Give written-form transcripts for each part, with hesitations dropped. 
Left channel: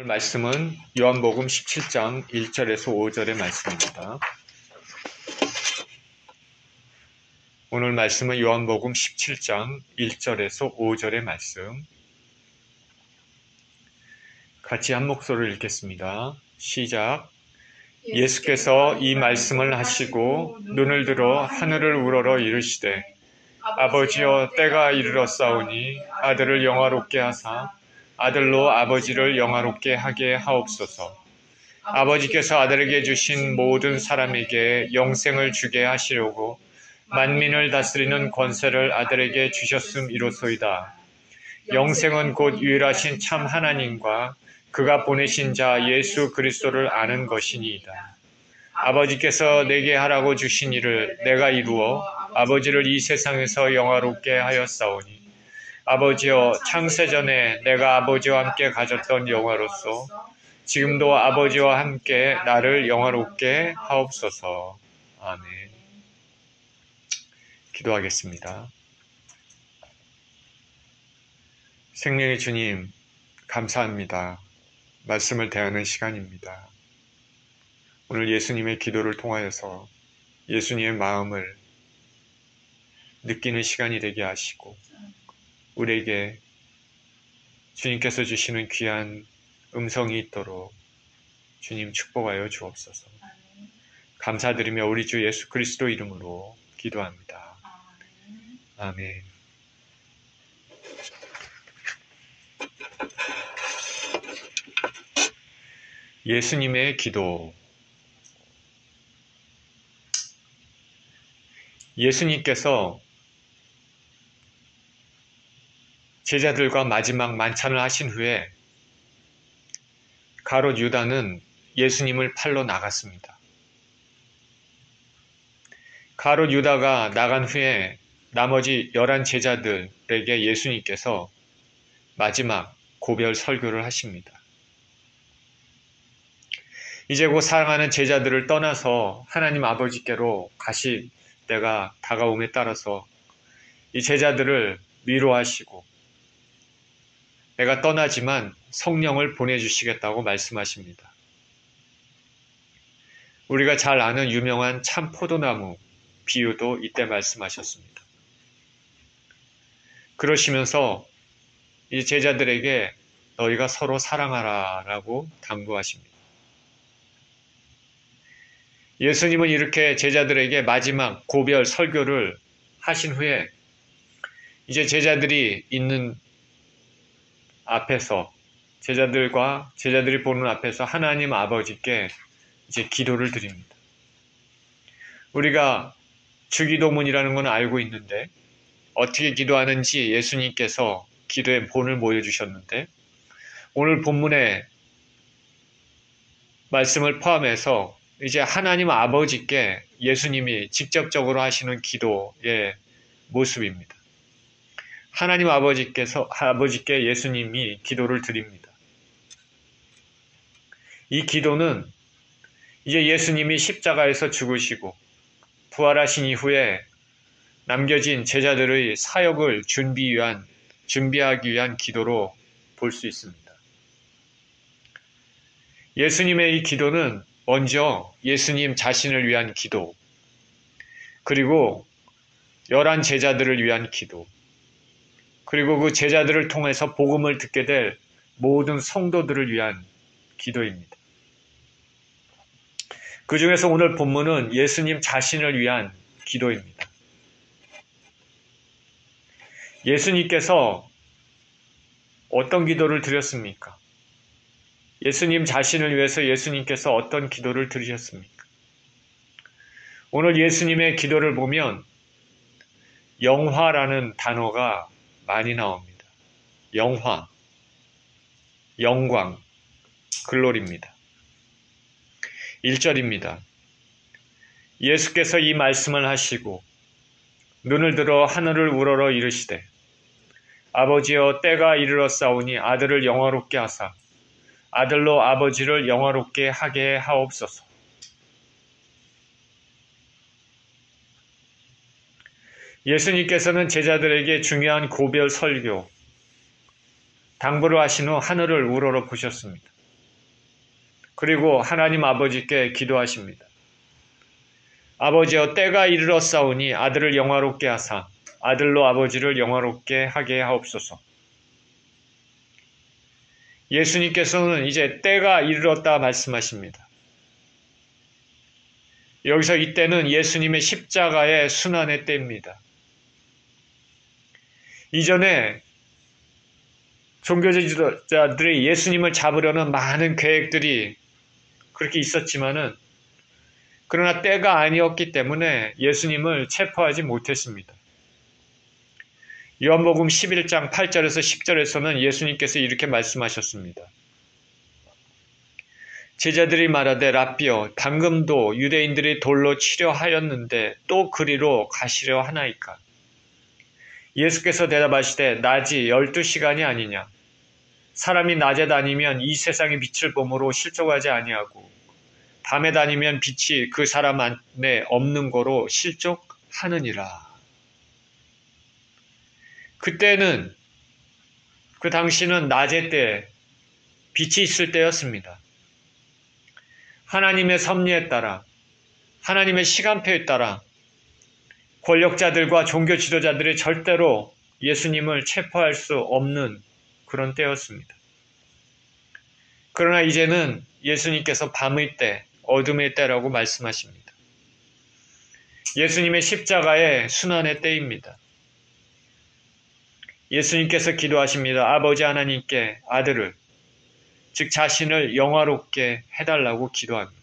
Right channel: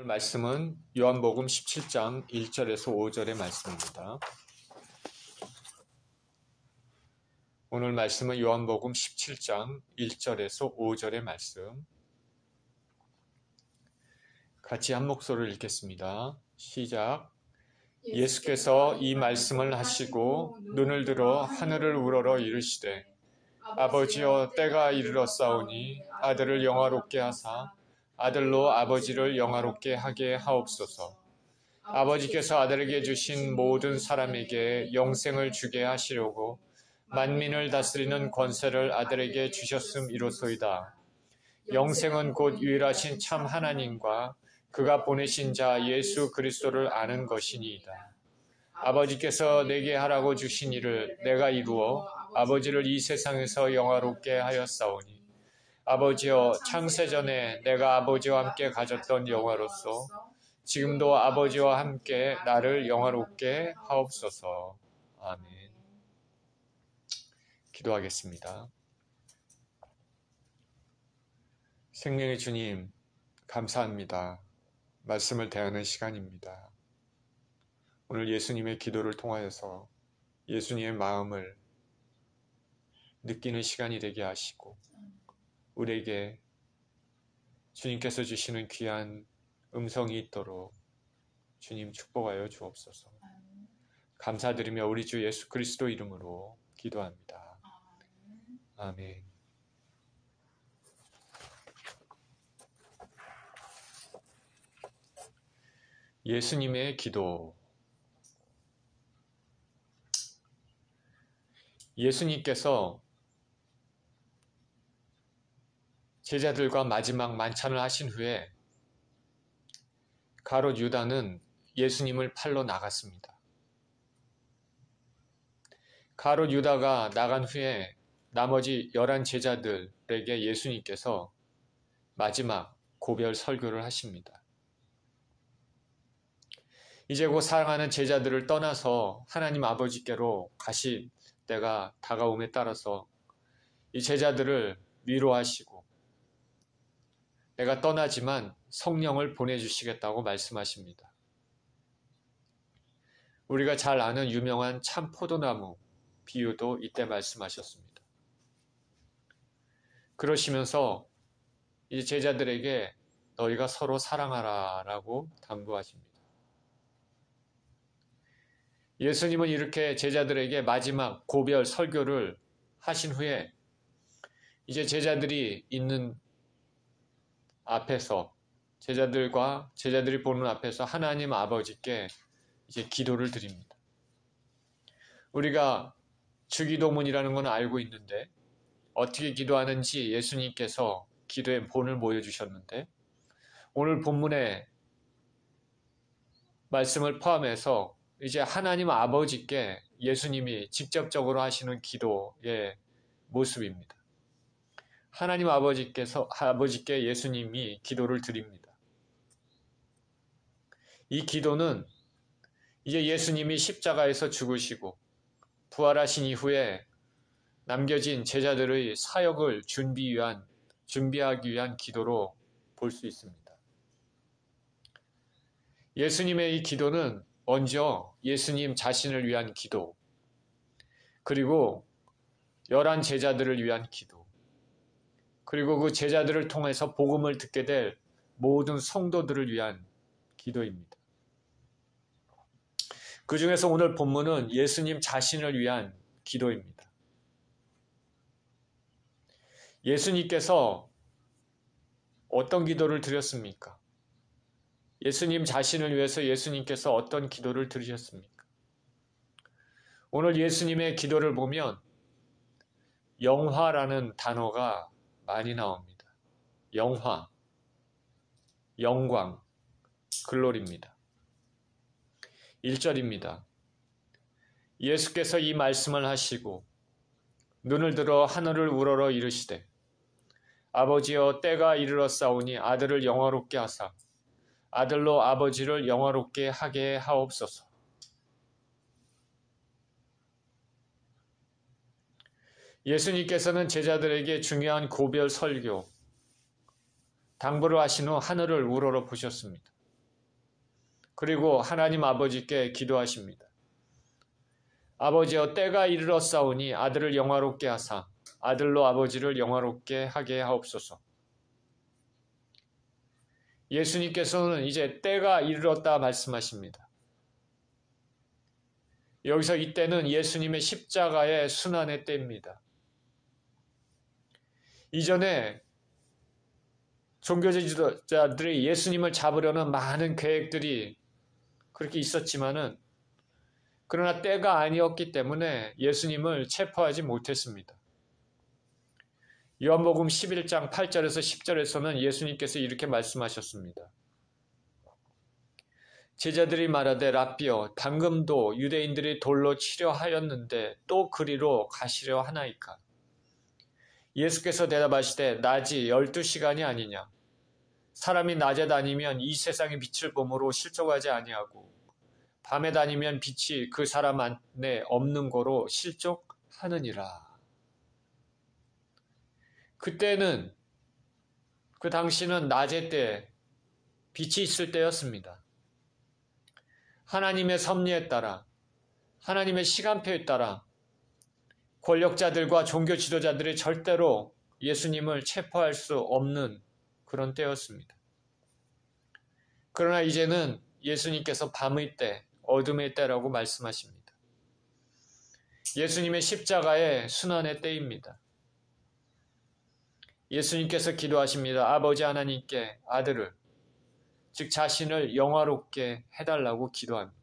오늘 말씀은 요한복음 17장 1절에서 5절의 말씀입니다. 오늘 말씀은 요한복음 17장 1절에서 5절의 말씀. 같이 한 목소리를 읽겠습니다. 시작. 예수께서 이 말씀을 하시고 눈을 들어 하늘을 우러러 이르시되 아버지여 때가 이르렀사오니 아들을 영화롭게 하사 아들로 아버지를 영화롭게 하게 하옵소서. 아버지께서 아들에게 주신 모든 사람에게 영생을 주게 하시려고 만민을 다스리는 권세를 아들에게 주셨음이로소이다. 영생은 곧 유일하신 참 하나님과 그가 보내신 자 예수 그리스도를 아는 것이니이다. 아버지께서 내게 하라고 주신 일을 내가 이루어 아버지를 이 세상에서 영화롭게 하였사오니 아버지여 창세전에 내가 아버지와 함께 가졌던 영화로서 지금도 아버지와 함께 나를 영화롭게 하옵소서. 아멘. 기도하겠습니다. 생명의 주님, 감사합니다. 말씀을 대하는 시간입니다. 오늘 예수님의 기도를 통하여서 예수님의 마음을 느끼는 시간이 되게 하시고 우리에게 주님께서 주시는 귀한 음성이 있도록 주님 축복하여 주옵소서. 감사드리며 우리 주 예수 그리스도 이름으로 기도합니다. 아멘. 예수님의 기도. 예수님께서 제자들과 마지막 만찬을 하신 후에 가롯 유다는 예수님을 팔러 나갔습니다. 가롯 유다가 나간 후에 나머지 11 제자들에게 예수님께서 마지막 고별 설교를 하십니다. 이제 곧 사랑하는 제자들을 떠나서 하나님 아버지께로 가실 때가 다가옴에 따라서 이 제자들을 위로하시고 내가 떠나지만 성령을 보내주시겠다고 말씀하십니다. 우리가 잘 아는 유명한 참 포도나무 비유도 이때 말씀하셨습니다. 그러시면서 이 제자들에게 너희가 서로 사랑하라 라고 당부하십니다. 예수님은 이렇게 제자들에게 마지막 고별 설교를 하신 후에 이제 제자들이 있는 앞에서 제자들이 보는 앞에서 하나님 아버지께 이제 기도를 드립니다. 우리가 주기도문이라는 건 알고 있는데 어떻게 기도하는지 예수님께서 기도의 본을 보여주셨는데 오늘 본문의 말씀을 포함해서 이제 하나님 아버지께 예수님이 직접적으로 하시는 기도의 모습입니다. 하나님 아버지께 예수님이 기도를 드립니다. 이 기도는 이제 예수님이 십자가에서 죽으시고 부활하신 이후에 남겨진 제자들의 사역을 준비하기 위한 기도로 볼 수 있습니다. 예수님의 이 기도는 먼저 예수님 자신을 위한 기도, 그리고 11 제자들을 위한 기도, 그리고 그 제자들을 통해서 복음을 듣게 될 모든 성도들을 위한 기도입니다. 그 중에서 오늘 본문은 예수님 자신을 위한 기도입니다. 예수님께서 어떤 기도를 드렸습니까? 예수님 자신을 위해서 예수님께서 어떤 기도를 드리셨습니까? 오늘 예수님의 기도를 보면 영화라는 단어가 많이 나옵니다. 영화, 영광, 글로리입니다. 1절입니다. 예수께서 이 말씀을 하시고 눈을 들어 하늘을 우러러 이르시되 아버지여 때가 이르렀사오니 아들을 영화롭게 하사 아들로 아버지를 영화롭게 하게 하옵소서. 예수님께서는 제자들에게 중요한 고별 설교, 당부를 하신 후 하늘을 우러러 보셨습니다. 그리고 하나님 아버지께 기도하십니다. 아버지여, 때가 이르렀사오니 아들을 영화롭게 하사 아들로 아버지를 영화롭게 하게 하옵소서. 예수님께서는 이제 때가 이르렀다 말씀하십니다. 여기서 이때는 예수님의 십자가의 순환의 때입니다. 이전에 종교 지도자들이 예수님을 잡으려는 많은 계획들이 그렇게 있었지만은, 그러나 때가 아니었기 때문에 예수님을 체포하지 못했습니다. 요한복음 11장 8절에서 10절에서는 예수님께서 이렇게 말씀하셨습니다. 제자들이 말하되 라삐여, 방금도 유대인들이 돌로 치려 하였는데 또 그리로 가시려 하나이까? 예수께서 대답하시되 낮이 12시간이 아니냐? 사람이 낮에 다니면 이 세상의 빛을 보므로 실족하지 아니하고 밤에 다니면 빛이 그 사람 안에 없는 거로 실족하느니라. 그때는, 그 당시는 낮의 때, 빛이 있을 때였습니다. 하나님의 섭리에 따라, 하나님의 시간표에 따라 권력자들과 종교 지도자들이 절대로 예수님을 체포할 수 없는 그런 때였습니다. 그러나 이제는 예수님께서 밤의 때, 어둠의 때라고 말씀하십니다. 예수님의 십자가의 순환의 때입니다. 예수님께서 기도하십니다. 아버지 하나님께 아들을, 즉 자신을 영화롭게 해달라고 기도합니다.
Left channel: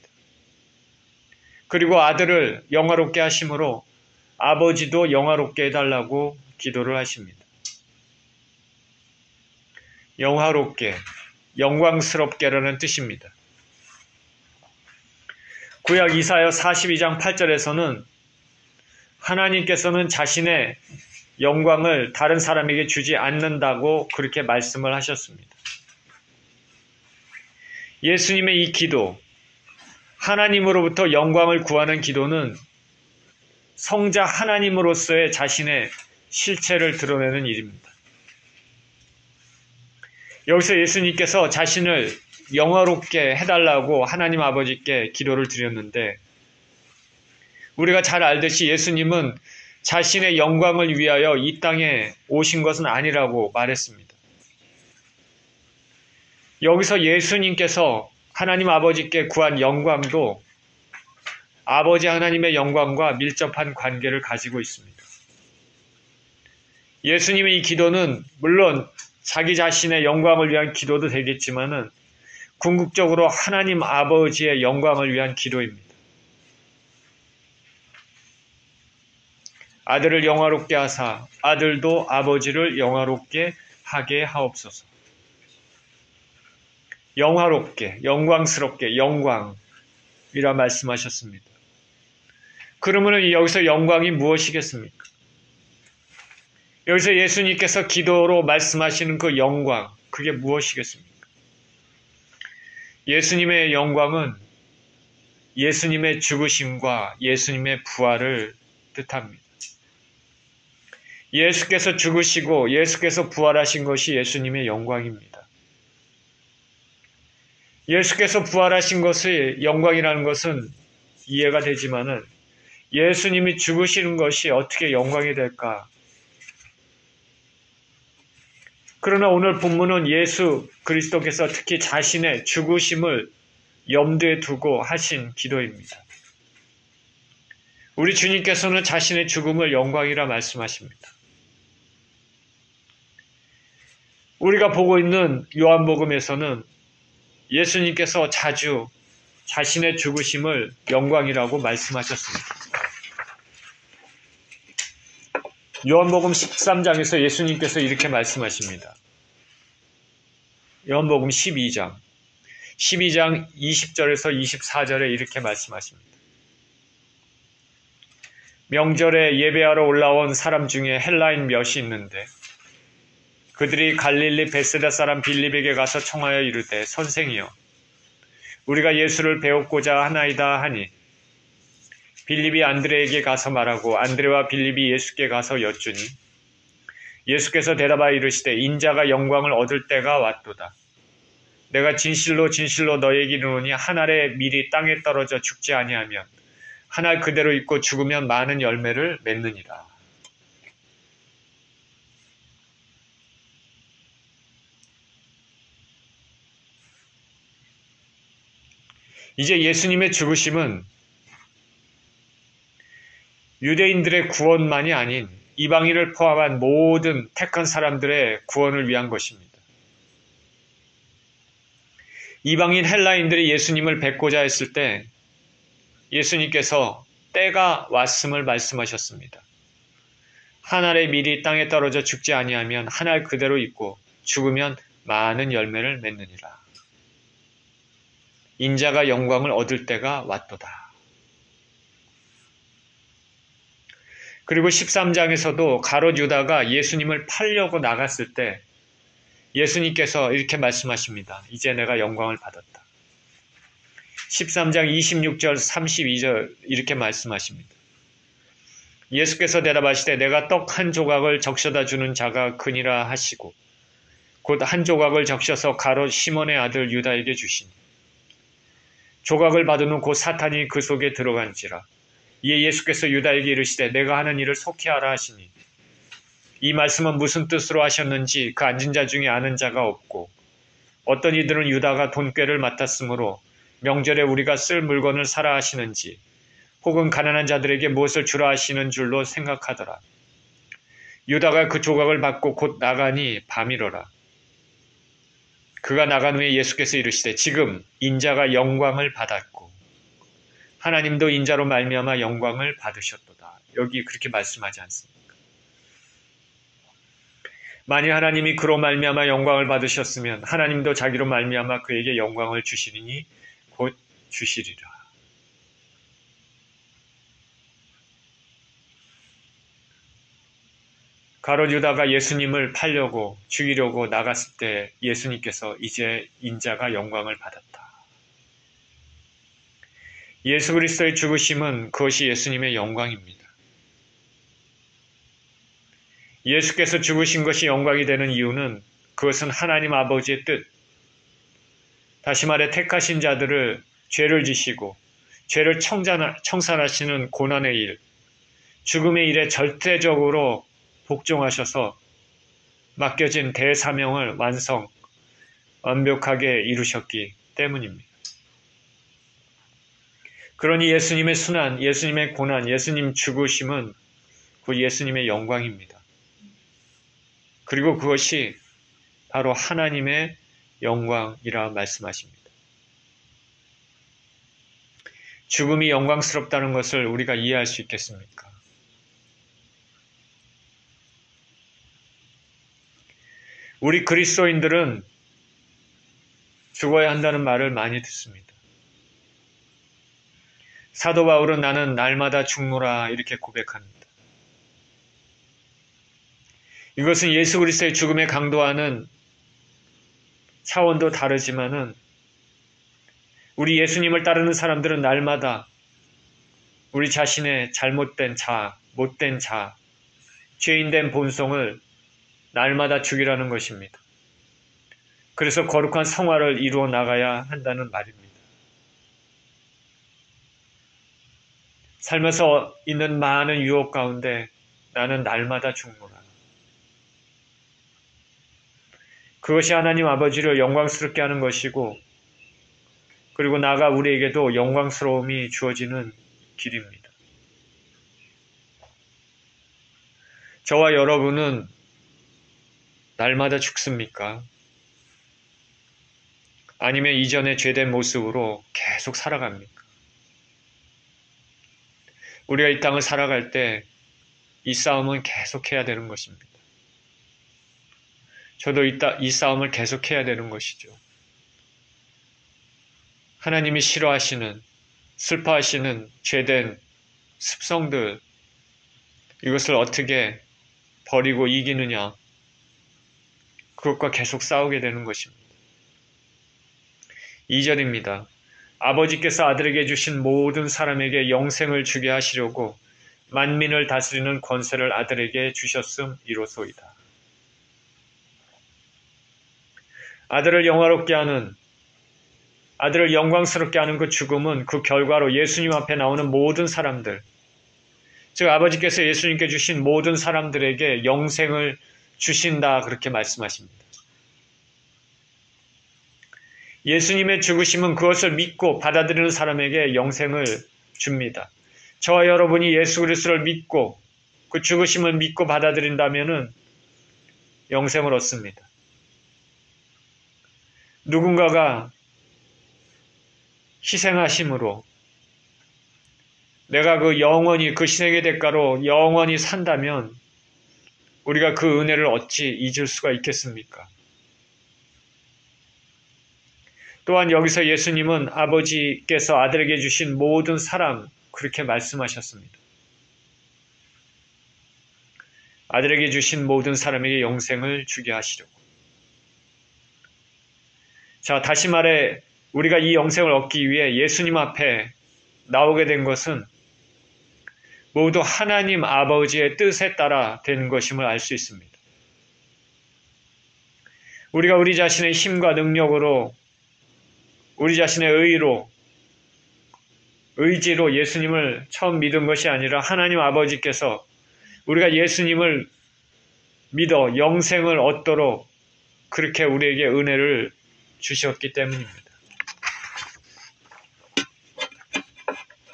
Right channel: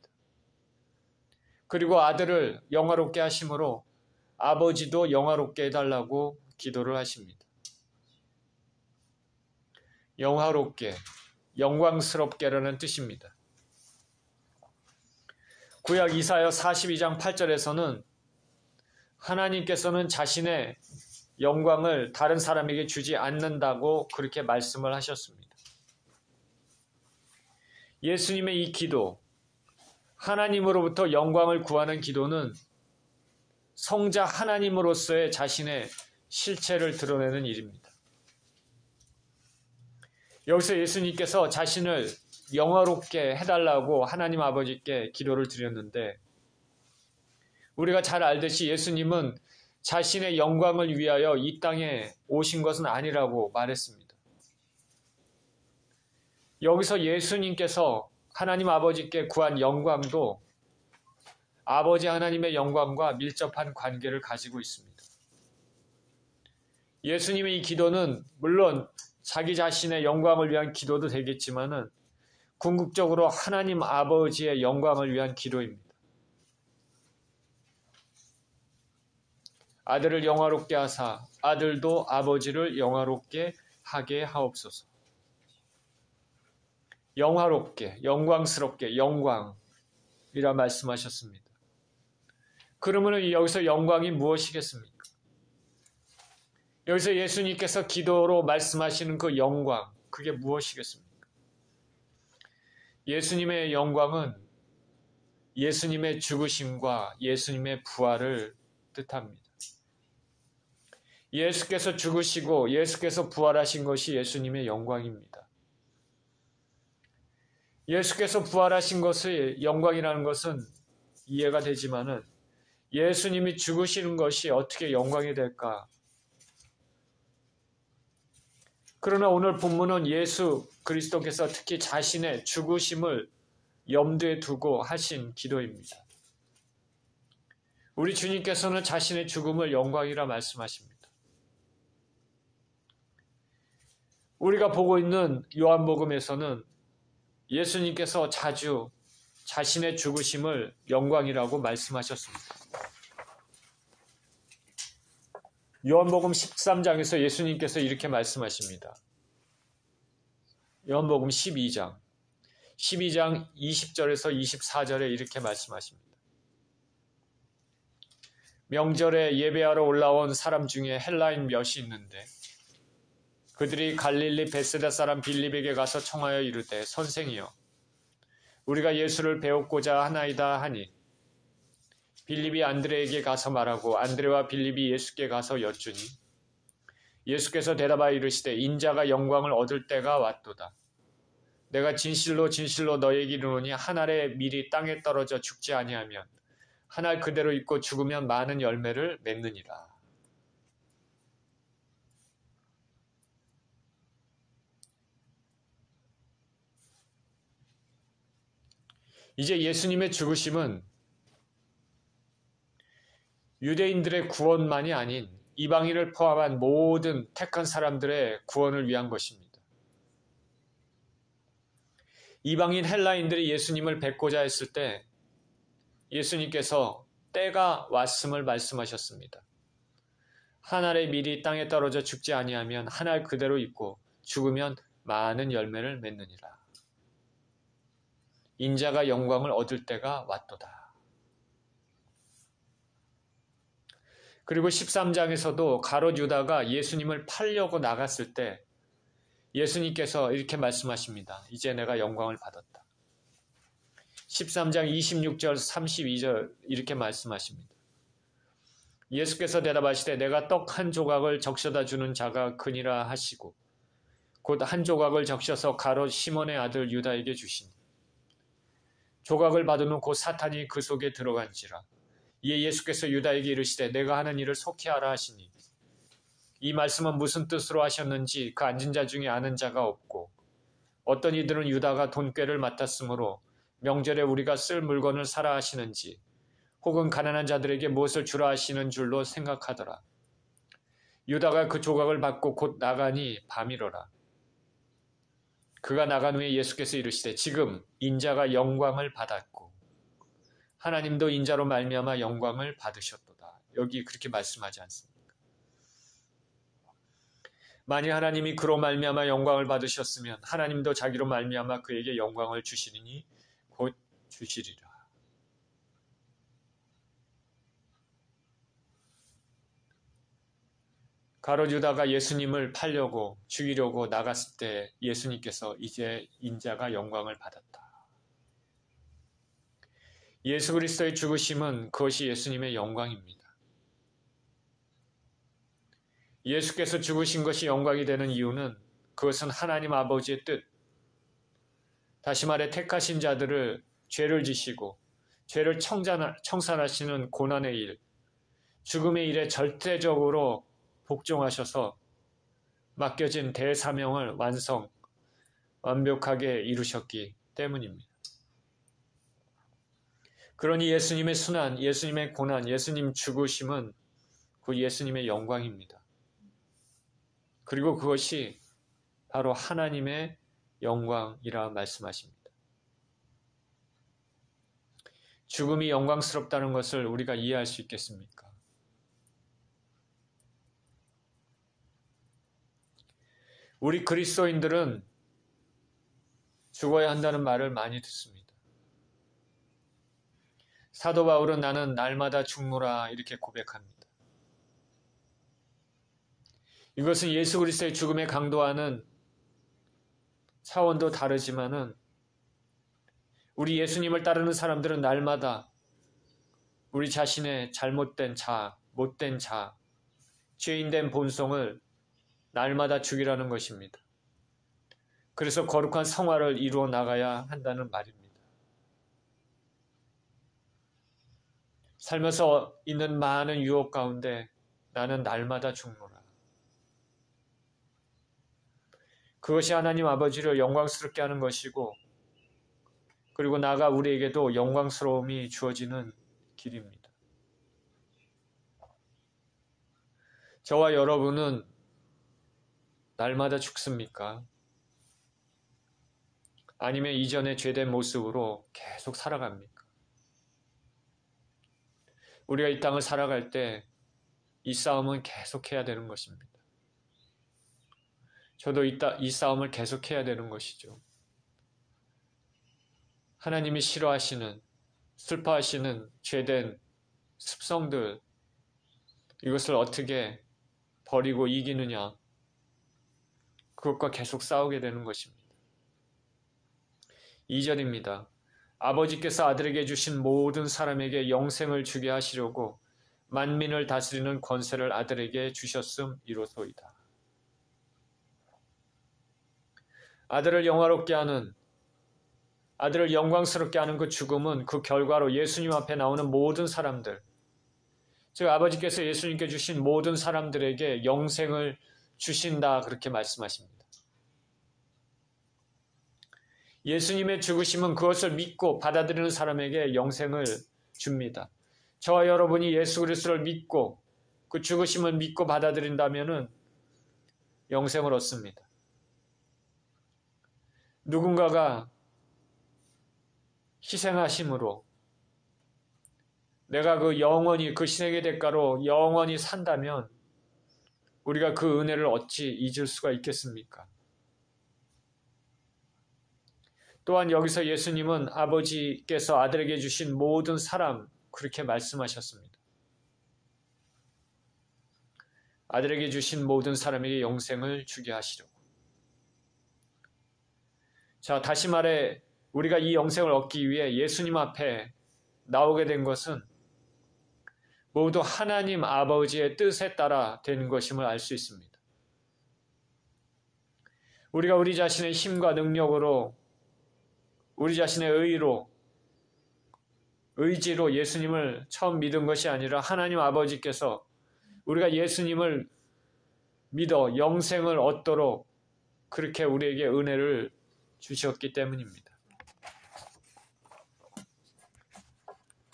그리고 아들을 영화롭게 하심으로 아버지도 영화롭게 해달라고 기도를 하십니다. 영화롭게, 영광스럽게라는 뜻입니다. 구약 이사야 42장 8절에서는 하나님께서는 자신의 영광을 다른 사람에게 주지 않는다고 그렇게 말씀을 하셨습니다. 예수님의 이 기도, 하나님으로부터 영광을 구하는 기도는 성자 하나님으로서의 자신의 실체를 드러내는 일입니다. 여기서 예수님께서 자신을 영화롭게 해달라고 하나님 아버지께 기도를 드렸는데, 우리가 잘 알듯이 예수님은 자신의 영광을 위하여 이 땅에 오신 것은 아니라고 말했습니다. 여기서 예수님께서 하나님 아버지께 구한 영광도 아버지 하나님의 영광과 밀접한 관계를 가지고 있습니다. 예수님의 이 기도는 물론 자기 자신의 영광을 위한 기도도 되겠지만은 궁극적으로 하나님 아버지의 영광을 위한 기도입니다. 아들을 영화롭게 하사 아들도 아버지를 영화롭게 하게 하옵소서. 영화롭게, 영광스럽게, 영광이라 말씀하셨습니다. 그러면 여기서 영광이 무엇이겠습니까? 여기서 예수님께서 기도로 말씀하시는 그 영광, 그게 무엇이겠습니까? 예수님의 영광은 예수님의 죽으심과 예수님의 부활을 뜻합니다. 예수께서 죽으시고 예수께서 부활하신 것이 예수님의 영광입니다. 예수께서 부활하신 것의 영광이라는 것은 이해가 되지만은 예수님이 죽으시는 것이 어떻게 영광이 될까? 그러나 오늘 본문은 예수 그리스도께서 특히 자신의 죽으심을 염두에 두고 하신 기도입니다. 우리 주님께서는 자신의 죽음을 영광이라 말씀하십니다. 우리가 보고 있는 요한복음에서는 예수님께서 자주 자신의 죽으심을 영광이라고 말씀하셨습니다. 요한복음 13장에서 예수님께서 이렇게 말씀하십니다. 요한복음 12장 20절에서 24절에 이렇게 말씀하십니다. 명절에 예배하러 올라온 사람 중에 헬라인 몇이 있는데 그들이 갈릴리 베세다 사람 빌립에게 가서 청하여 이르되 선생이여 우리가 예수를 배웠고자 하나이다 하니 빌립이 안드레에게 가서 말하고 안드레와 빌립이 예수께 가서 여쭈니 예수께서 대답하여 이르시되 인자가 영광을 얻을 때가 왔도다. 내가 진실로 진실로 너에게 이르노니 한 알의 밀이 땅에 떨어져 죽지 아니하면 한 알 그대로 있고 죽으면 많은 열매를 맺느니라. 이제 예수님의 죽으심은 유대인들의 구원만이 아닌 이방인을 포함한 모든 택한 사람들의 구원을 위한 것입니다. 이방인 헬라인들이 예수님을 뵙고자 했을 때 예수님께서 때가 왔음을 말씀하셨습니다. 한 알의 밀이 땅에 떨어져 죽지 아니하면 한 알 그대로 있고 죽으면 많은 열매를 맺느니라. 인자가 영광을 얻을 때가 왔도다. 그리고 13장에서도 가롯 유다가 예수님을 팔려고 나갔을 때 예수님께서 이렇게 말씀하십니다. 이제 내가 영광을 받았다. 13장 26절 32절 이렇게 말씀하십니다. 예수께서 대답하시되 내가 떡 한 조각을 적셔다 주는 자가 그니라 하시고 곧 한 조각을 적셔서 가롯 시몬의 아들 유다에게 주시니 조각을 받은 후 곧 사탄이 그 속에 들어간지라. 이에 예수께서 유다에게 이르시되 내가 하는 일을 속히 하라 하시니 이 말씀은 무슨 뜻으로 하셨는지 그 앉은 자 중에 아는 자가 없고 어떤 이들은 유다가 돈꾀를 맡았으므로 명절에 우리가 쓸 물건을 사라 하시는지 혹은 가난한 자들에게 무엇을 주라 하시는 줄로 생각하더라. 유다가 그 조각을 받고 곧 나가니 밤이로라. 그가 나간 후에 예수께서 이르시되 지금 인자가 영광을 받았고 하나님도 인자로 말미암아 영광을 받으셨도다. 여기 그렇게 말씀하지 않습니까? 만일 하나님이 그로 말미암아 영광을 받으셨으면 하나님도 자기로 말미암아 그에게 영광을 주시리니 곧 주시리라. 가롯 유다가 예수님을 팔려고 죽이려고 나갔을 때 예수님께서 이제 인자가 영광을 받았다. 예수 그리스도의 죽으심은 그것이 예수님의 영광입니다. 예수께서 죽으신 것이 영광이 되는 이유는 그것은 하나님 아버지의 뜻, 다시 말해 택하신 자들을 죄를 지시고 죄를 청산하시는 고난의 일, 죽음의 일에 절대적으로 복종하셔서 맡겨진 대사명을 완벽하게 이루셨기 때문입니다. 그러니 예수님의 순환, 예수님의 고난, 예수님 죽으심은 그 예수님의 영광입니다. 그리고 그것이 바로 하나님의 영광이라 말씀하십니다. 죽음이 영광스럽다는 것을 우리가 이해할 수 있겠습니까? 우리 그리스도인들은 죽어야 한다는 말을 많이 듣습니다. 사도 바울은 나는 날마다 죽노라 이렇게 고백합니다. 이것은 예수 그리스도의 죽음의 강도와는 차원도 다르지만은 우리 예수님을 따르는 사람들은 날마다 우리 자신의 잘못된 자, 못된 자, 죄인된 본성을 날마다 죽이라는 것입니다. 그래서 거룩한 성화를 이루어 나가야 한다는 말입니다. 살면서 있는 많은 유혹 가운데 나는 날마다 죽노라. 그것이 하나님 아버지를 영광스럽게 하는 것이고 그리고 나아가 우리에게도 영광스러움이 주어지는 길입니다. 저와 여러분은 날마다 죽습니까? 아니면 이전의 죄된 모습으로 계속 살아갑니까? 우리가 이 땅을 살아갈 때 이 싸움은 계속해야 되는 것입니다. 저도 이 싸움을 계속해야 되는 것이죠. 하나님이 싫어하시는, 슬퍼하시는 죄된 습성들, 이것을 어떻게 버리고 이기느냐, 그것과 계속 싸우게 되는 것입니다. 2절입니다. 아버지께서 아들에게 주신 모든 사람에게 영생을 주게 하시려고 만민을 다스리는 권세를 아들에게 주셨음 이로소이다. 아들을 영화롭게 하는, 아들을 영광스럽게 하는 그 죽음은 그 결과로 예수님 앞에 나오는 모든 사람들, 즉 아버지께서 예수님께 주신 모든 사람들에게 영생을 주신다, 그렇게 말씀하십니다. 예수님의 죽으심은 그것을 믿고 받아들이는 사람에게 영생을 줍니다. 저와 여러분이 예수 그리스도를 믿고 그 죽으심을 믿고 받아들인다면 영생을 얻습니다. 누군가가 희생하심으로 내가 그 영원히 그 희생의 대가로 영원히 산다면 우리가 그 은혜를 어찌 잊을 수가 있겠습니까? 또한 여기서 예수님은 아버지께서 아들에게 주신 모든 사람, 그렇게 말씀하셨습니다. 아들에게 주신 모든 사람에게 영생을 주게 하시려고. 자, 다시 말해 우리가 이 영생을 얻기 위해 예수님 앞에 나오게 된 것은 모두 하나님 아버지의 뜻에 따라 된 것임을 알 수 있습니다. 우리가 우리 자신의 힘과 능력으로, 우리 자신의 의지로 예수님을 처음 믿은 것이 아니라 하나님 아버지께서 우리가 예수님을 믿어 영생을 얻도록 그렇게 우리에게 은혜를 주셨기 때문입니다.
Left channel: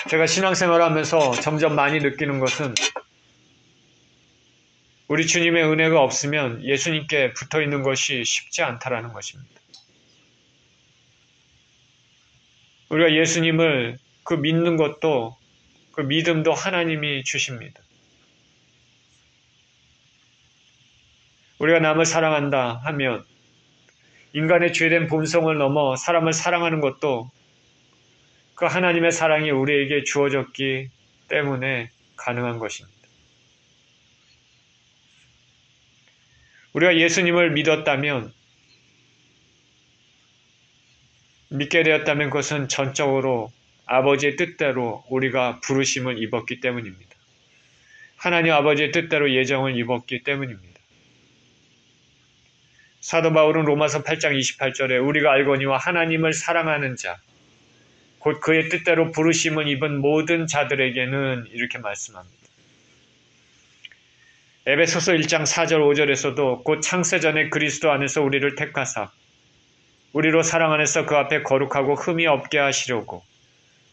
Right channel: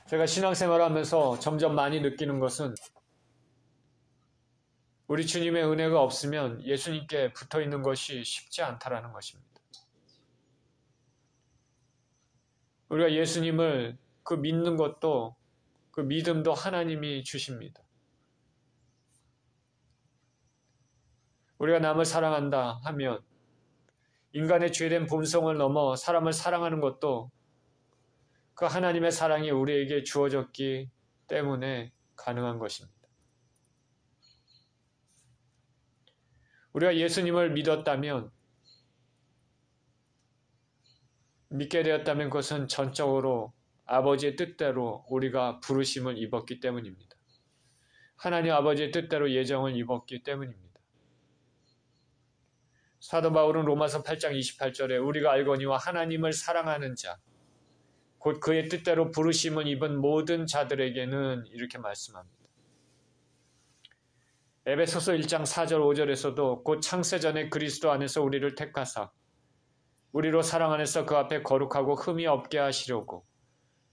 제가 신앙생활을 하면서 점점 많이 느끼는 것은 우리 주님의 은혜가 없으면 예수님께 붙어 있는 것이 쉽지 않다라는 것입니다. 우리가 예수님을 그 믿는 것도, 그 믿음도 하나님이 주십니다. 우리가 남을 사랑한다 하면 인간의 죄된 본성을 넘어 사람을 사랑하는 것도 그 하나님의 사랑이 우리에게 주어졌기 때문에 가능한 것입니다. 우리가 예수님을 믿게 되었다면 그것은 전적으로 아버지의 뜻대로 우리가 부르심을 입었기 때문입니다. 하나님 아버지의 뜻대로 예정을 입었기 때문입니다. 사도 바울은 로마서 8장 28절에 우리가 알거니와 하나님을 사랑하는 자, 곧 그의 뜻대로 부르심을 입은 모든 자들에게는 이렇게 말씀합니다. 에베소서 1장 4절 5절에서도 곧 창세전에 그리스도 안에서 우리를 택하사 우리로 사랑 안에서 그 앞에 거룩하고 흠이 없게 하시려고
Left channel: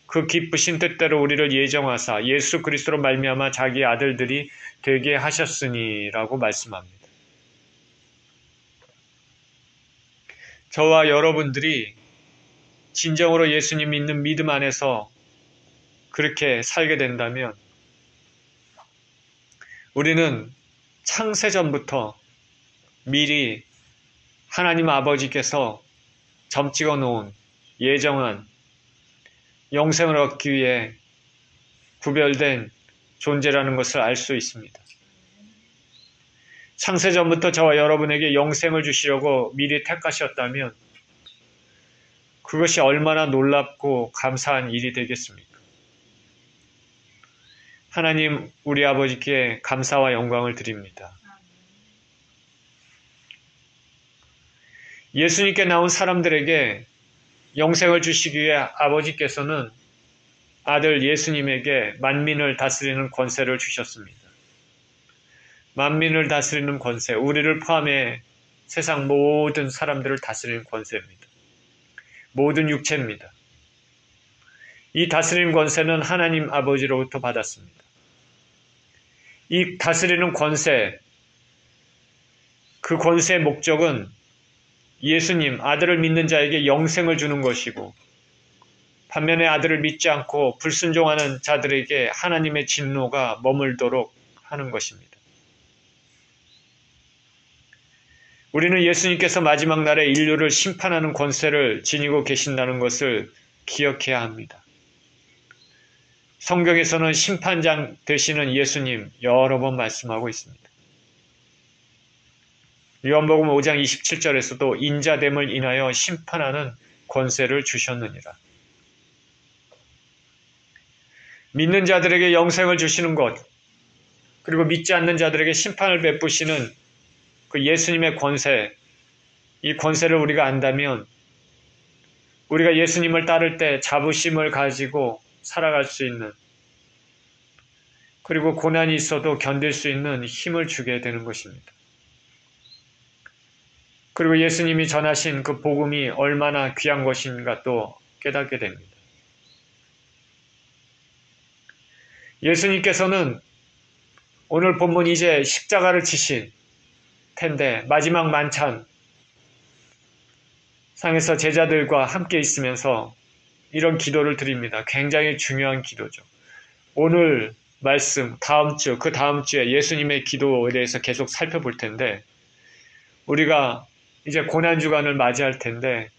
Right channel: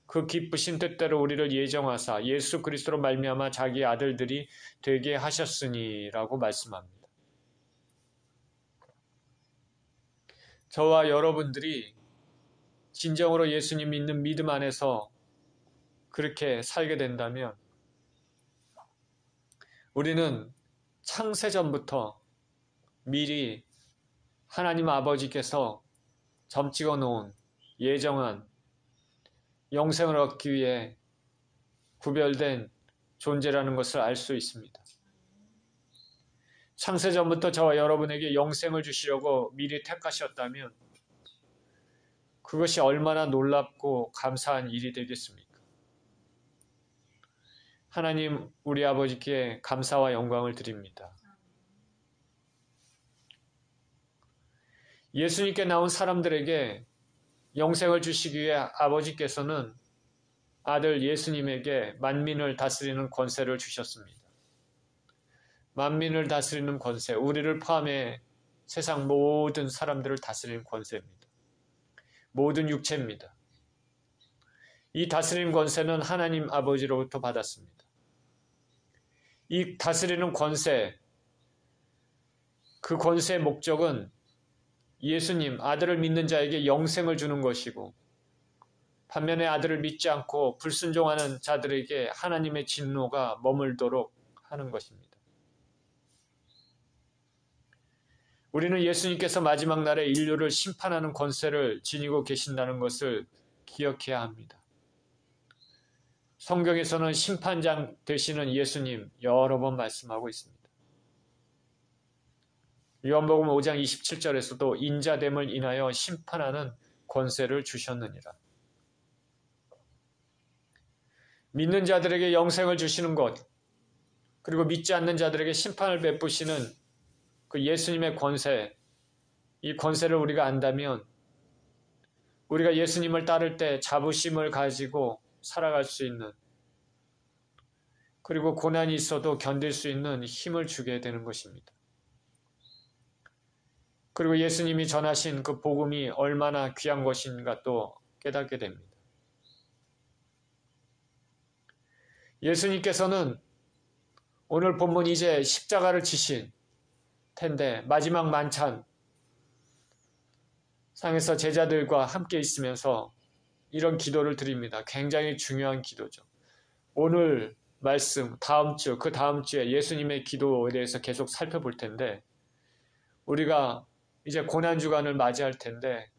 그 기쁘신 뜻대로 우리를 예정하사 예수 그리스도로 말미암아 자기의 아들들이 되게 하셨으니라고 말씀합니다. 저와 여러분들이 진정으로 예수님 믿는 믿음 안에서 그렇게 살게 된다면 우리는 창세전부터 미리 하나님 아버지께서 점찍어 놓은 예정한 영생을 얻기 위해 구별된 존재라는 것을 알 수 있습니다. 창세전부터 저와 여러분에게 영생을 주시려고 미리 택하셨다면 그것이 얼마나 놀랍고 감사한 일이 되겠습니까? 하나님 우리 아버지께 감사와 영광을 드립니다. 예수님께 나온 사람들에게 영생을 주시기 위해 아버지께서는 아들 예수님에게 만민을 다스리는 권세를 주셨습니다. 만민을 다스리는 권세, 우리를 포함해 세상 모든 사람들을 다스리는 권세입니다. 모든 육체입니다. 이 다스리는 권세는 하나님 아버지로부터 받았습니다. 이 다스리는 권세, 그 권세의 목적은 예수님, 아들을 믿는 자에게 영생을 주는 것이고 반면에 아들을 믿지 않고 불순종하는 자들에게 하나님의 진노가 머물도록 하는 것입니다. 우리는 예수님께서 마지막 날에 인류를 심판하는 권세를 지니고 계신다는 것을 기억해야 합니다. 성경에서는 심판장 되시는 예수님 여러 번 말씀하고 있습니다. 요한복음 5장 27절에서도 인자됨을 인하여 심판하는 권세를 주셨느니라. 믿는 자들에게 영생을 주시는 것, 그리고 믿지 않는 자들에게 심판을 베푸시는 그 예수님의 권세, 이 권세를 우리가 안다면 우리가 예수님을 따를 때 자부심을 가지고 살아갈 수 있는, 그리고 고난이 있어도 견딜 수 있는 힘을 주게 되는 것입니다. 그리고 예수님이 전하신 그 복음이 얼마나 귀한 것인가 또 깨닫게 됩니다. 예수님께서는 오늘 본문 이제 십자가를 지신 텐데 마지막 만찬 상에서 제자들과 함께 있으면서 이런 기도를 드립니다. 굉장히 중요한 기도죠. 오늘 말씀, 다음 주, 그 다음 주에 예수님의 기도에 대해서 계속 살펴볼 텐데 우리가 이제 고난주간을 맞이할 텐데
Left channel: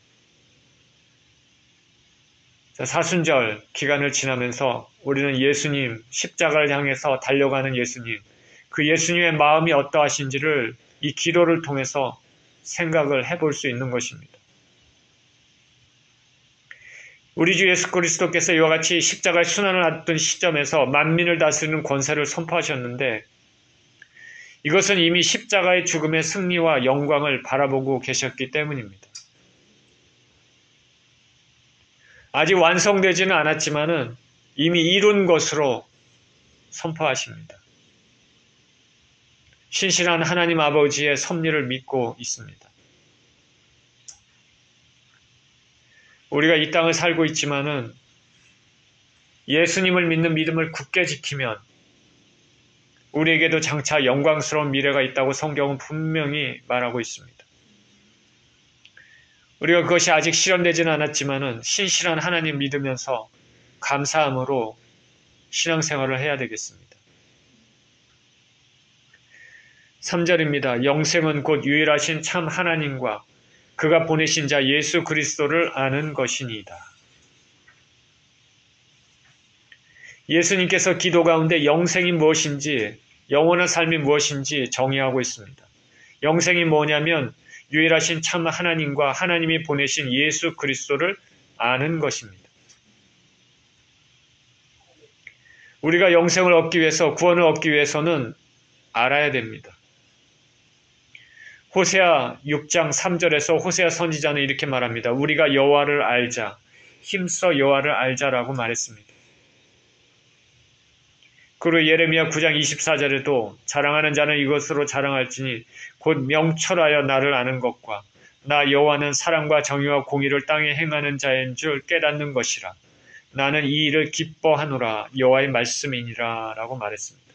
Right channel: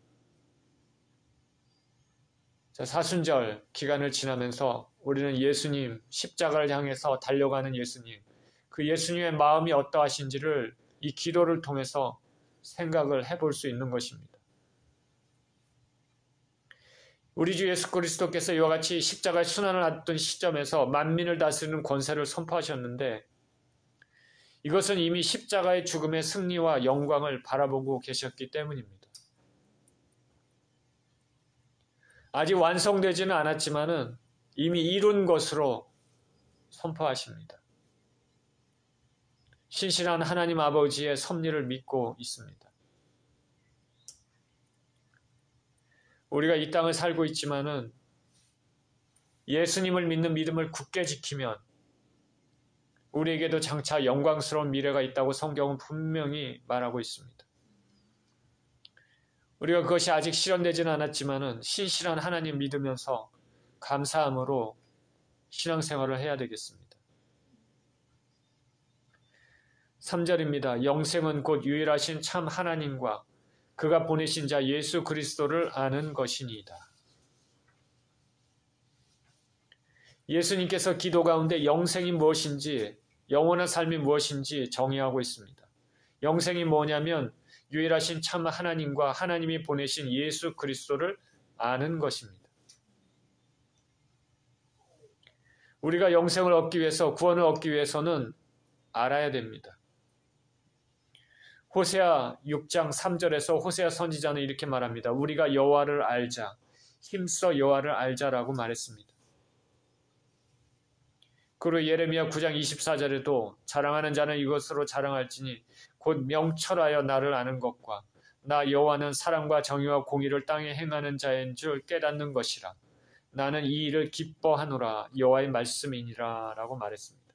사순절 기간을 지나면서 우리는 예수님, 십자가를 향해서 달려가는 예수님, 그 예수님의 마음이 어떠하신지를 이 기도를 통해서 생각을 해볼 수 있는 것입니다. 우리 주 예수 그리스도께서 이와 같이 십자가의 순환을 하던 시점에서 만민을 다스리는 권세를 선포하셨는데 이것은 이미 십자가의 죽음의 승리와 영광을 바라보고 계셨기 때문입니다. 아직 완성되지는 않았지만은 이미 이룬 것으로 선포하십니다. 신실한 하나님 아버지의 섭리를 믿고 있습니다. 우리가 이 땅을 살고 있지만은 예수님을 믿는 믿음을 굳게 지키면 우리에게도 장차 영광스러운 미래가 있다고 성경은 분명히 말하고 있습니다. 우리가 그것이 아직 실현되지는 않았지만은 신실한 하나님 믿으면서 감사함으로 신앙생활을 해야 되겠습니다. 3절입니다. 영생은 곧 유일하신 참 하나님과 그가 보내신 자 예수 그리스도를 아는 것이니이다. 예수님께서 기도 가운데 영생이 무엇인지, 영원한 삶이 무엇인지 정의하고 있습니다. 영생이 뭐냐면 유일하신 참 하나님과 하나님이 보내신 예수 그리스도를 아는 것입니다. 우리가 영생을 얻기 위해서, 구원을 얻기 위해서는 알아야 됩니다. 호세아 6장 3절에서 호세아 선지자는 이렇게 말합니다. 우리가 여호와를 알자, 힘써 여호와를 알자라고 말했습니다. 그리고 예레미야 9장 24절에도 자랑하는 자는 이것으로 자랑할지니 곧 명철하여 나를 아는 것과 나 여호와는 사랑과 정의와 공의를 땅에 행하는 자인 줄 깨닫는 것이라. 나는 이 일을 기뻐하노라 여호와의 말씀이니라 라고 말했습니다.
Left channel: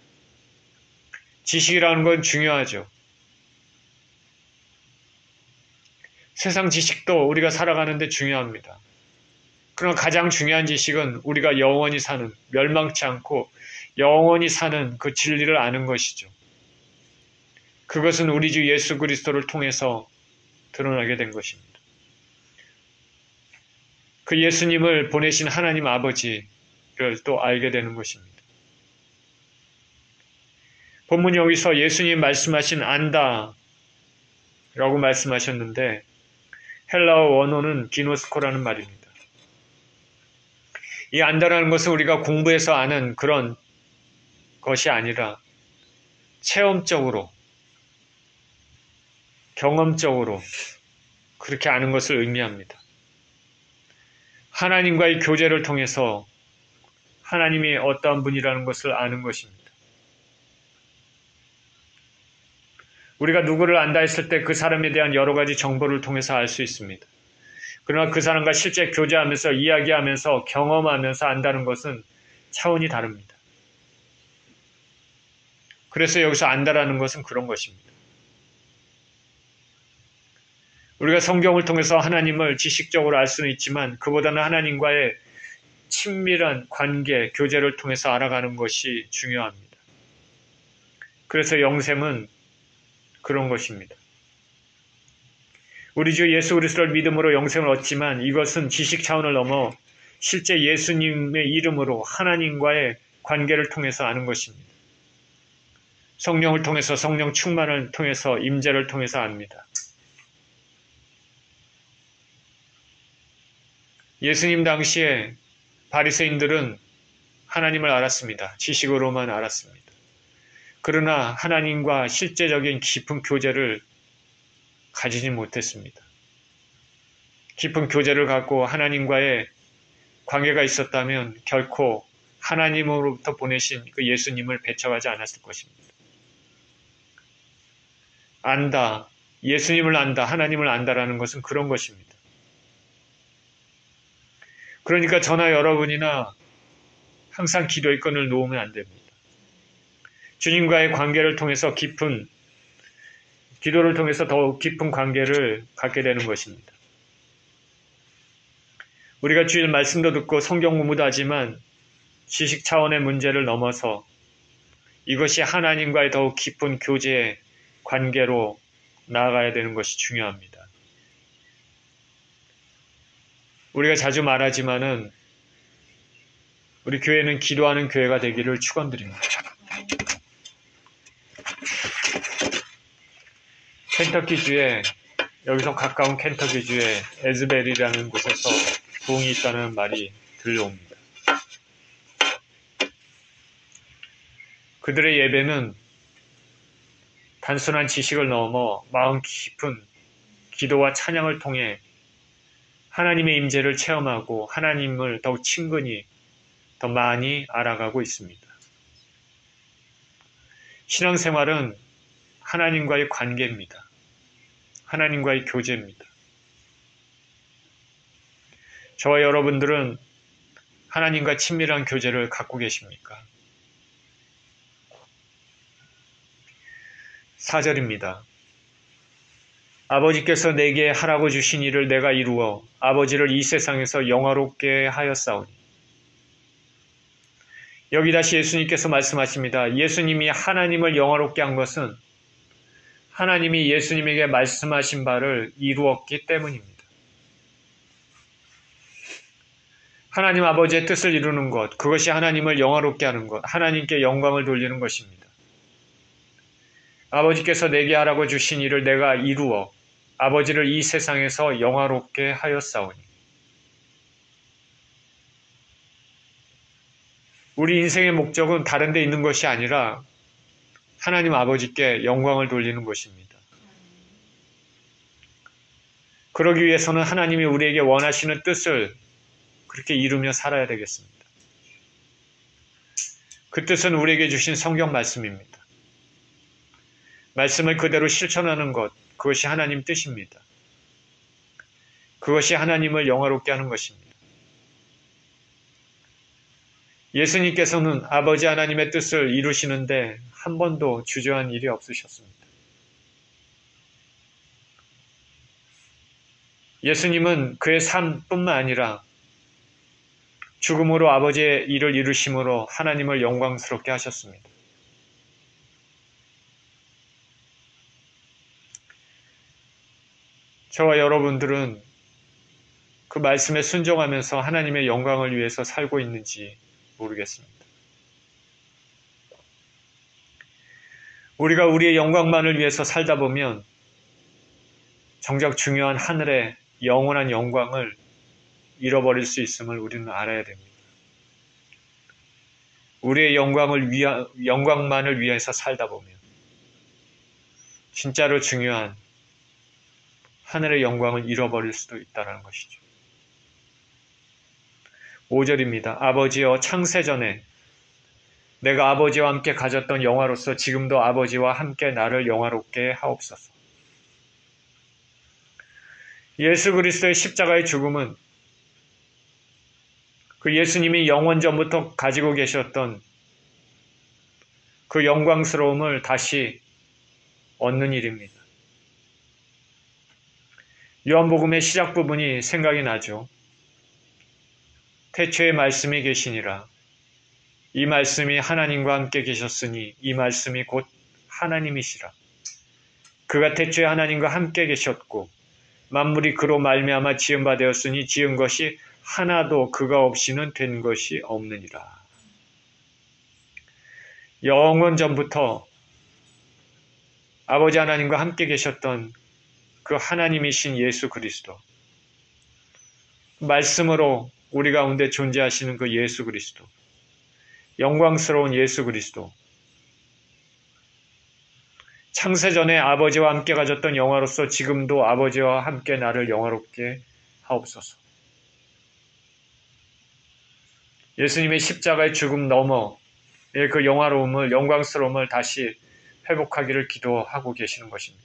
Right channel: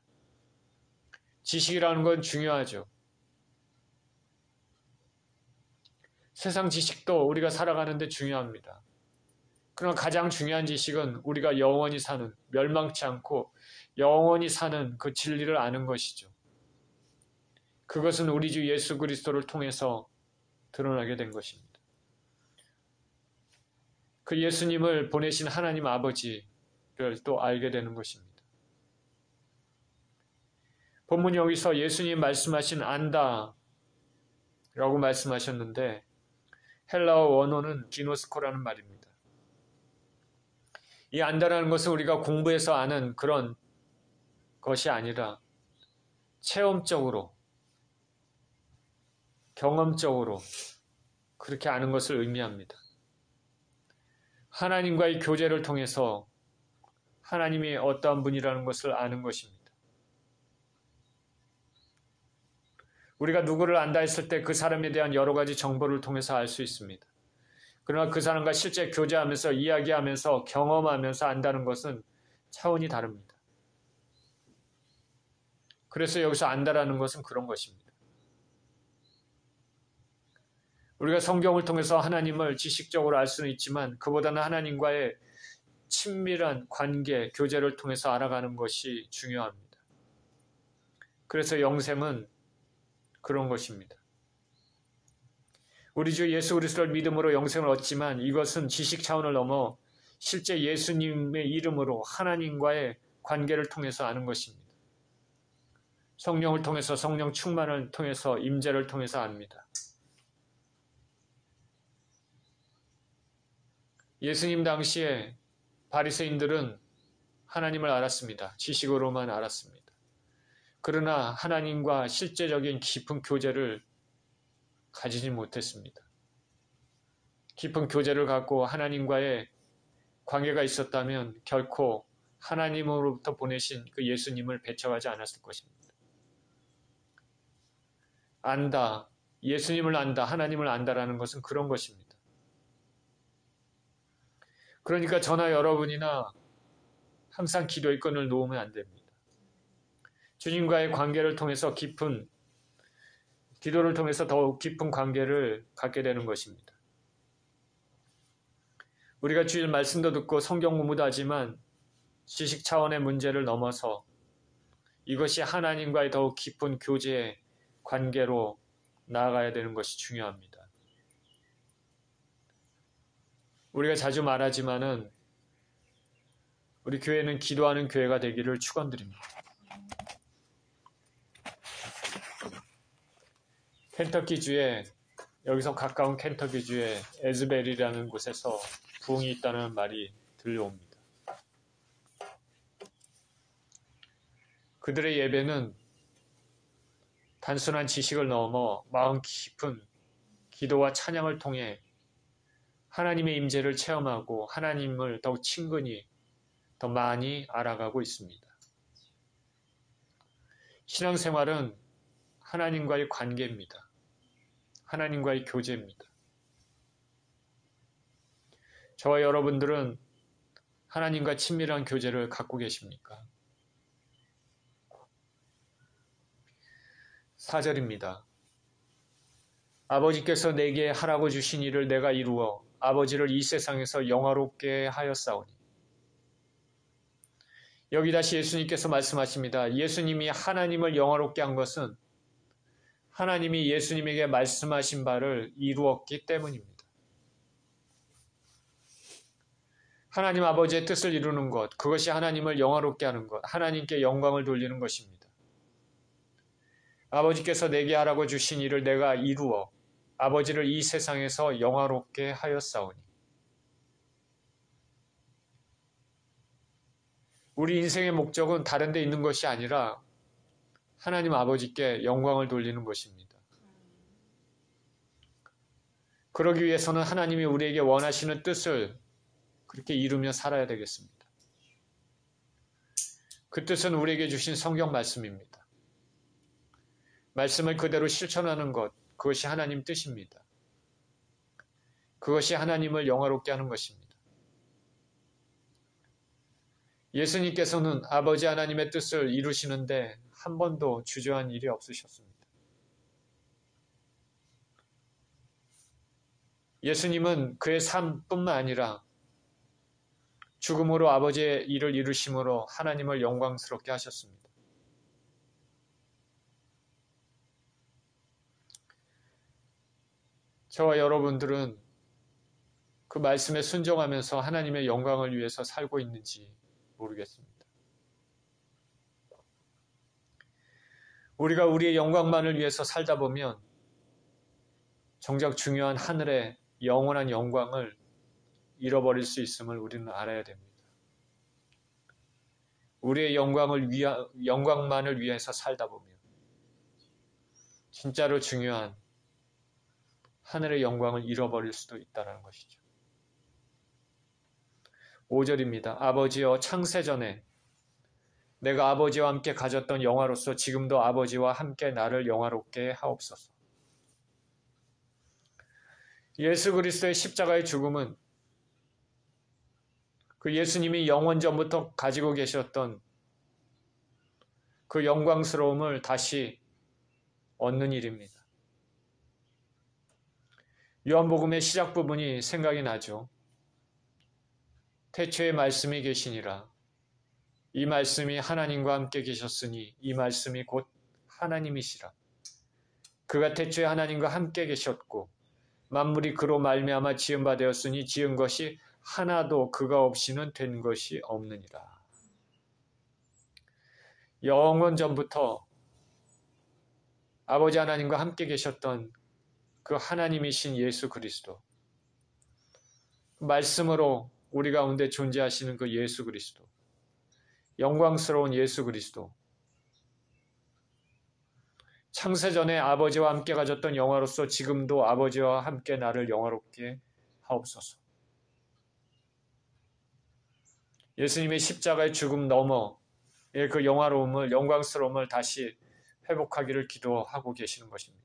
지식이라는 건 중요하죠. 세상 지식도 우리가 살아가는데 중요합니다. 그러나 가장 중요한 지식은 우리가 영원히 사는, 멸망치 않고 영원히 사는 그 진리를 아는 것이죠. 그것은 우리 주 예수 그리스도를 통해서 드러나게 된 것입니다. 그 예수님을 보내신 하나님 아버지를 또 알게 되는 것입니다. 본문 여기서 예수님 말씀하신 안다 라고 말씀하셨는데 헬라어 원어는 기노스코라는 말입니다. 이 안다라는 것은 우리가 공부해서 아는 그런 것이 아니라 체험적으로, 경험적으로 그렇게 아는 것을 의미합니다. 하나님과의 교제를 통해서 하나님이 어떠한 분이라는 것을 아는 것입니다. 우리가 누구를 안다 했을 때 그 사람에 대한 여러 가지 정보를 통해서 알 수 있습니다. 그러나 그 사람과 실제 교제하면서 이야기하면서 경험하면서 안다는 것은 차원이 다릅니다. 그래서 여기서 안다라는 것은 그런 것입니다. 우리가 성경을 통해서 하나님을 지식적으로 알 수는 있지만 그보다는 하나님과의 친밀한 관계, 교제를 통해서 알아가는 것이 중요합니다. 그래서 영생은 그런 것입니다. 우리 주 예수 그리스도를 믿음으로 영생을 얻지만 이것은 지식 차원을 넘어 실제 예수님의 이름으로 하나님과의 관계를 통해서 아는 것입니다. 성령을 통해서, 성령 충만을 통해서, 임재를 통해서 압니다. 예수님 당시에 바리새인들은 하나님을 알았습니다. 지식으로만 알았습니다. 그러나 하나님과 실제적인 깊은 교제를 가지지 못했습니다. 깊은 교제를 갖고 하나님과의 관계가 있었다면 결코 하나님으로부터 보내신 그 예수님을 배척하지 않았을 것입니다. 안다, 예수님을 안다, 하나님을 안다라는 것은 그런 것입니다. 그러니까 저나 여러분이나 항상 기도의 끈을 놓으면 안 됩니다. 주님과의 관계를 통해서 기도를 통해서 더욱 깊은 관계를 갖게 되는 것입니다. 우리가 주일 말씀도 듣고 성경 공부도 하지만 지식 차원의 문제를 넘어서 이것이 하나님과의 더욱 깊은 교제의 관계로 나아가야 되는 것이 중요합니다. 우리가 자주 말하지만은 우리 교회는 기도하는 교회가 되기를 축원드립니다. 켄터키주에 여기서 가까운 켄터키주에 에즈벨이라는 곳에서 부흥이 있다는 말이 들려옵니다. 그들의 예배는 단순한 지식을 넘어 마음 깊은 기도와 찬양을 통해 하나님의 임재를 체험하고 하나님을 더욱 친근히 더 많이 알아가고 있습니다. 신앙생활은 하나님과의 관계입니다. 하나님과의 교제입니다. 저와 여러분들은 하나님과 친밀한 교제를 갖고 계십니까? 4절입니다. 아버지께서 내게 하라고 주신 일을 내가 이루어 아버지를 이 세상에서 영화롭게 하였사오니. 여기 다시 예수님께서 말씀하십니다. 예수님이 하나님을 영화롭게 한 것은 하나님이 예수님에게 말씀하신 바를 이루었기 때문입니다. 하나님 아버지의 뜻을 이루는 것, 그것이 하나님을 영화롭게 하는 것, 하나님께 영광을 돌리는 것입니다. 아버지께서 내게 하라고 주신 일을 내가 이루어 아버지를 이 세상에서 영화롭게 하였사오니. 우리 인생의 목적은 다른 데 있는 것이 아니라 하나님 아버지께 영광을 돌리는 것입니다. 그러기 위해서는 하나님이 우리에게 원하시는 뜻을 그렇게 이루며 살아야 되겠습니다. 그 뜻은 우리에게 주신 성경 말씀입니다. 말씀을 그대로 실천하는 것, 그것이 하나님 뜻입니다. 그것이 하나님을 영화롭게 하는 것입니다. 예수님께서는 아버지 하나님의 뜻을 이루시는데 한 번도 주저한 일이 없으셨습니다. 예수님은 그의 삶뿐만 아니라 죽음으로 아버지의 일을 이루심으로 하나님을 영광스럽게 하셨습니다. 저와 여러분들은 그 말씀에 순종하면서 하나님의 영광을 위해서 살고 있는지 모르겠습니다. 우리가 우리의 영광만을 위해서 살다 보면 정작 중요한 하늘의 영원한 영광을 잃어버릴 수 있음을 우리는 알아야 됩니다. 우리의 영광만을 위해서 살다 보면 진짜로 중요한 하늘의 영광을 잃어버릴 수도 있다는 것이죠. 5절입니다. 아버지여, 창세전에 내가 아버지와 함께 가졌던 영화로서 지금도 아버지와 함께 나를 영화롭게 하옵소서. 예수 그리스도의 십자가의 죽음은 그 예수님이 영원 전부터 가지고 계셨던 그 영광스러움을 다시 얻는 일입니다. 요한복음의 시작 부분이 생각이 나죠. 태초에 말씀이 계시니라. 이 말씀이 하나님과 함께 계셨으니 이 말씀이 곧 하나님이시라. 그가 태초에 하나님과 함께 계셨고 만물이 그로 말미암아 지은 바 되었으니 지은 것이 하나도 그가 없이는 된 것이 없느니라. 영원 전부터 아버지 하나님과 함께 계셨던 그 하나님이신 예수 그리스도, 말씀으로 우리 가운데 존재하시는 그 예수 그리스도, 영광스러운 예수 그리스도, 창세전에 아버지와 함께 가졌던 영화로서 지금도 아버지와 함께 나를 영화롭게 하옵소서. 예수님의 십자가의 죽음 너머의 그 영화로움을, 영광스러움을 다시 회복하기를 기도하고 계시는 것입니다.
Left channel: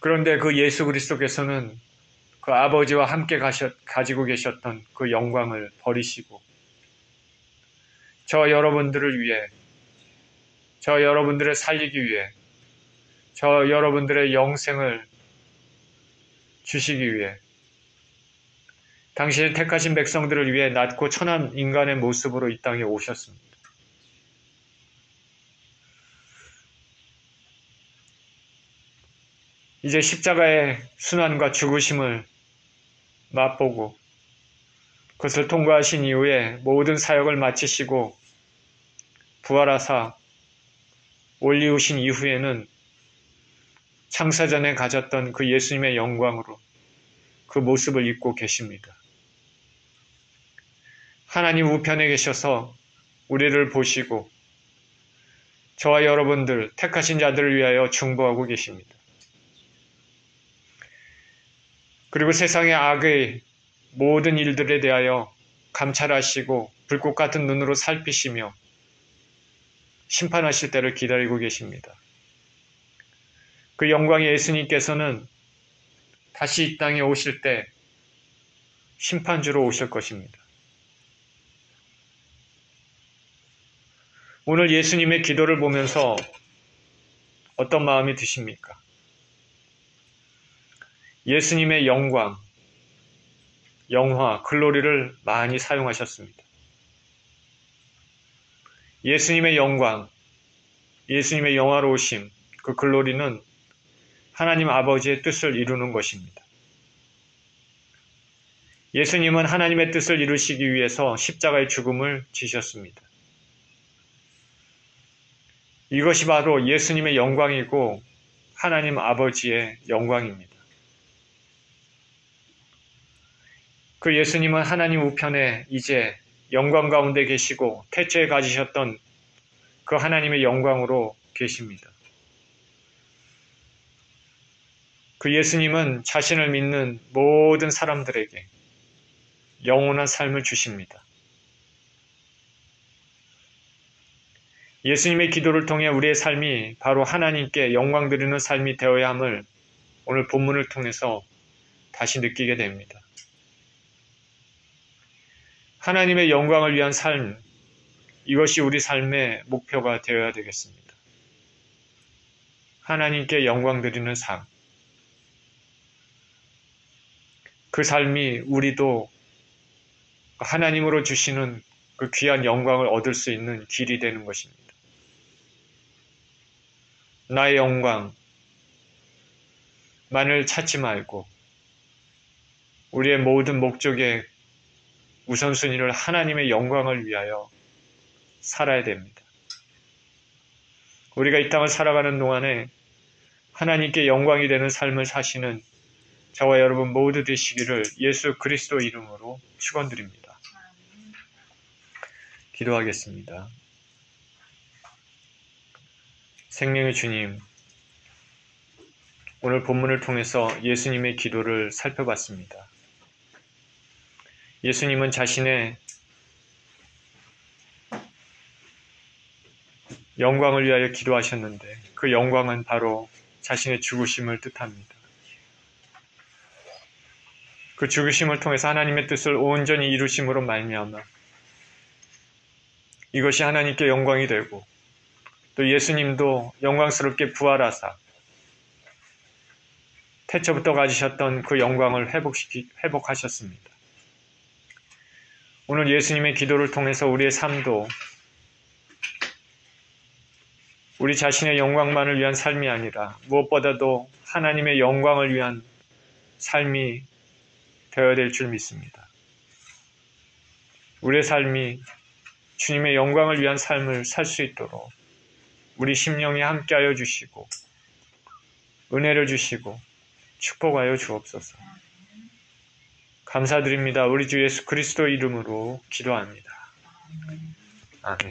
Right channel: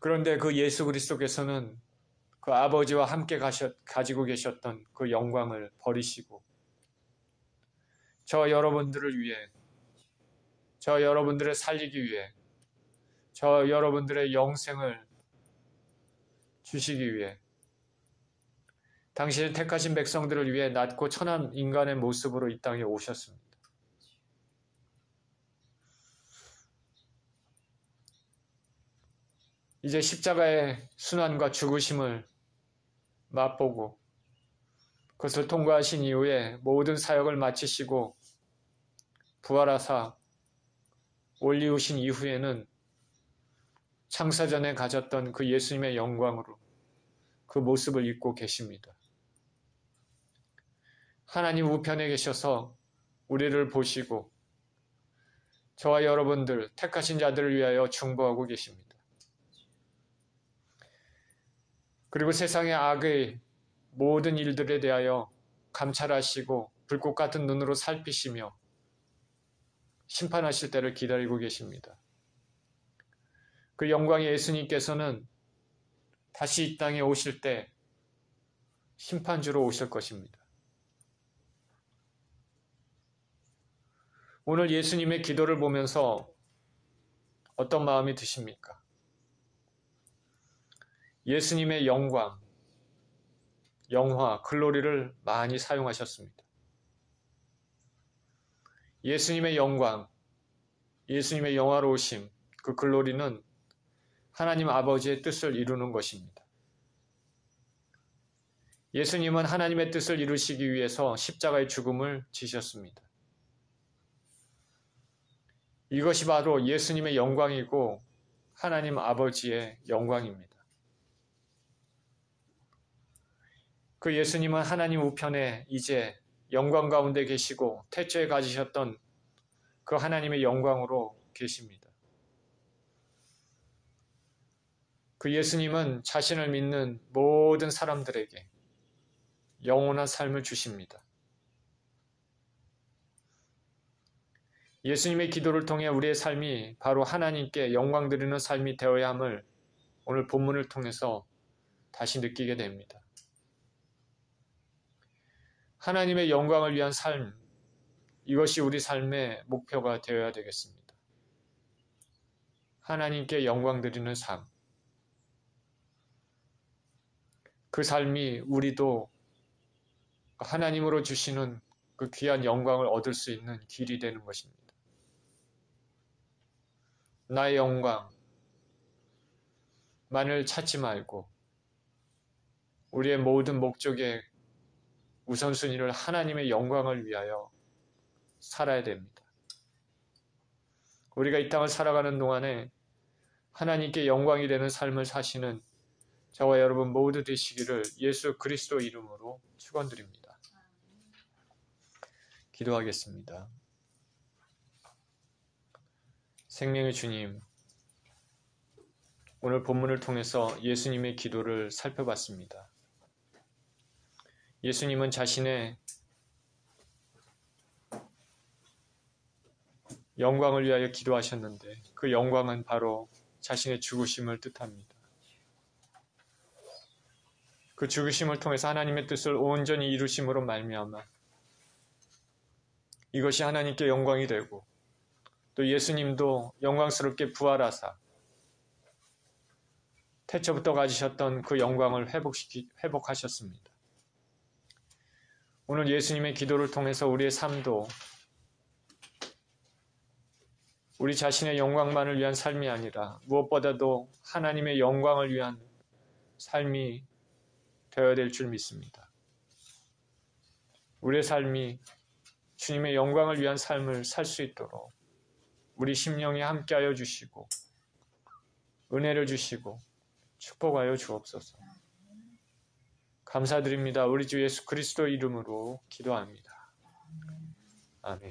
그런데 그 예수 그리스도께서는 그 아버지와 함께 가지고 계셨던 그 영광을 버리시고 저 여러분들을 위해, 저 여러분들을 살리기 위해, 저 여러분들의 영생을 주시기 위해 당신의 택하신 백성들을 위해 낮고 천한 인간의 모습으로 이 땅에 오셨습니다. 이제 십자가의 순환과 죽으심을 맛보고 그것을 통과하신 이후에 모든 사역을 마치시고 부활하사 올리우신 이후에는 창세전에 가졌던 그 예수님의 영광으로 그 모습을 입고 계십니다. 하나님 우편에 계셔서 우리를 보시고 저와 여러분들 택하신 자들을 위하여 중보하고 계십니다. 그리고 세상의 악의 모든 일들에 대하여 감찰하시고 불꽃 같은 눈으로 살피시며 심판하실 때를 기다리고 계십니다. 그 영광의 예수님께서는 다시 이 땅에 오실 때 심판주로 오실 것입니다. 오늘 예수님의 기도를 보면서 어떤 마음이 드십니까? 예수님의 영광, 영화, 글로리를 많이 사용하셨습니다. 예수님의 영광, 예수님의 영화로우심, 그 글로리는 하나님 아버지의 뜻을 이루는 것입니다. 예수님은 하나님의 뜻을 이루시기 위해서 십자가의 죽음을 지셨습니다. 이것이 바로 예수님의 영광이고 하나님 아버지의 영광입니다. 그 예수님은 하나님 우편에 이제 영광 가운데 계시고 태초에 가지셨던 그 하나님의 영광으로 계십니다. 그 예수님은 자신을 믿는 모든 사람들에게 영원한 삶을 주십니다. 예수님의 기도를 통해 우리의 삶이 바로 하나님께 영광 드리는 삶이 되어야 함을 오늘 본문을 통해서 다시 느끼게 됩니다. 하나님의 영광을 위한 삶, 이것이 우리 삶의 목표가 되어야 되겠습니다. 하나님께 영광 드리는 삶, 그 삶이 우리도 하나님으로 주시는 그 귀한 영광을 얻을 수 있는 길이 되는 것입니다. 나의 영광만을 찾지 말고 우리의 모든 목적의 우선순위를 하나님의 영광을 위하여 살아야 됩니다. 우리가 이 땅을 살아가는 동안에 하나님께 영광이 되는 삶을 사시는 저와 여러분 모두 되시기를 예수 그리스도 이름으로 축원드립니다. 기도하겠습니다. 생명의 주님, 오늘 본문을 통해서 예수님의 기도를 살펴봤습니다. 예수님은 자신의 영광을 위하여 기도하셨는데 그 영광은 바로 자신의 죽으심을 뜻합니다. 그 죽으심을 통해서 하나님의 뜻을 온전히 이루심으로 말미암아 이것이 하나님께 영광이 되고 또 예수님도 영광스럽게 부활하사 태초부터 가지셨던 그 영광을 회복하셨습니다. 오늘 예수님의 기도를 통해서 우리의 삶도 우리 자신의 영광만을 위한 삶이 아니라 무엇보다도 하나님의 영광을 위한 삶이 되어야 될 줄 믿습니다. 우리의 삶이 주님의 영광을 위한 삶을 살 수 있도록 우리 심령에 함께하여 주시고 은혜를 주시고 축복하여 주옵소서. 감사드립니다. 우리 주 예수 그리스도 이름으로 기도합니다. 아멘.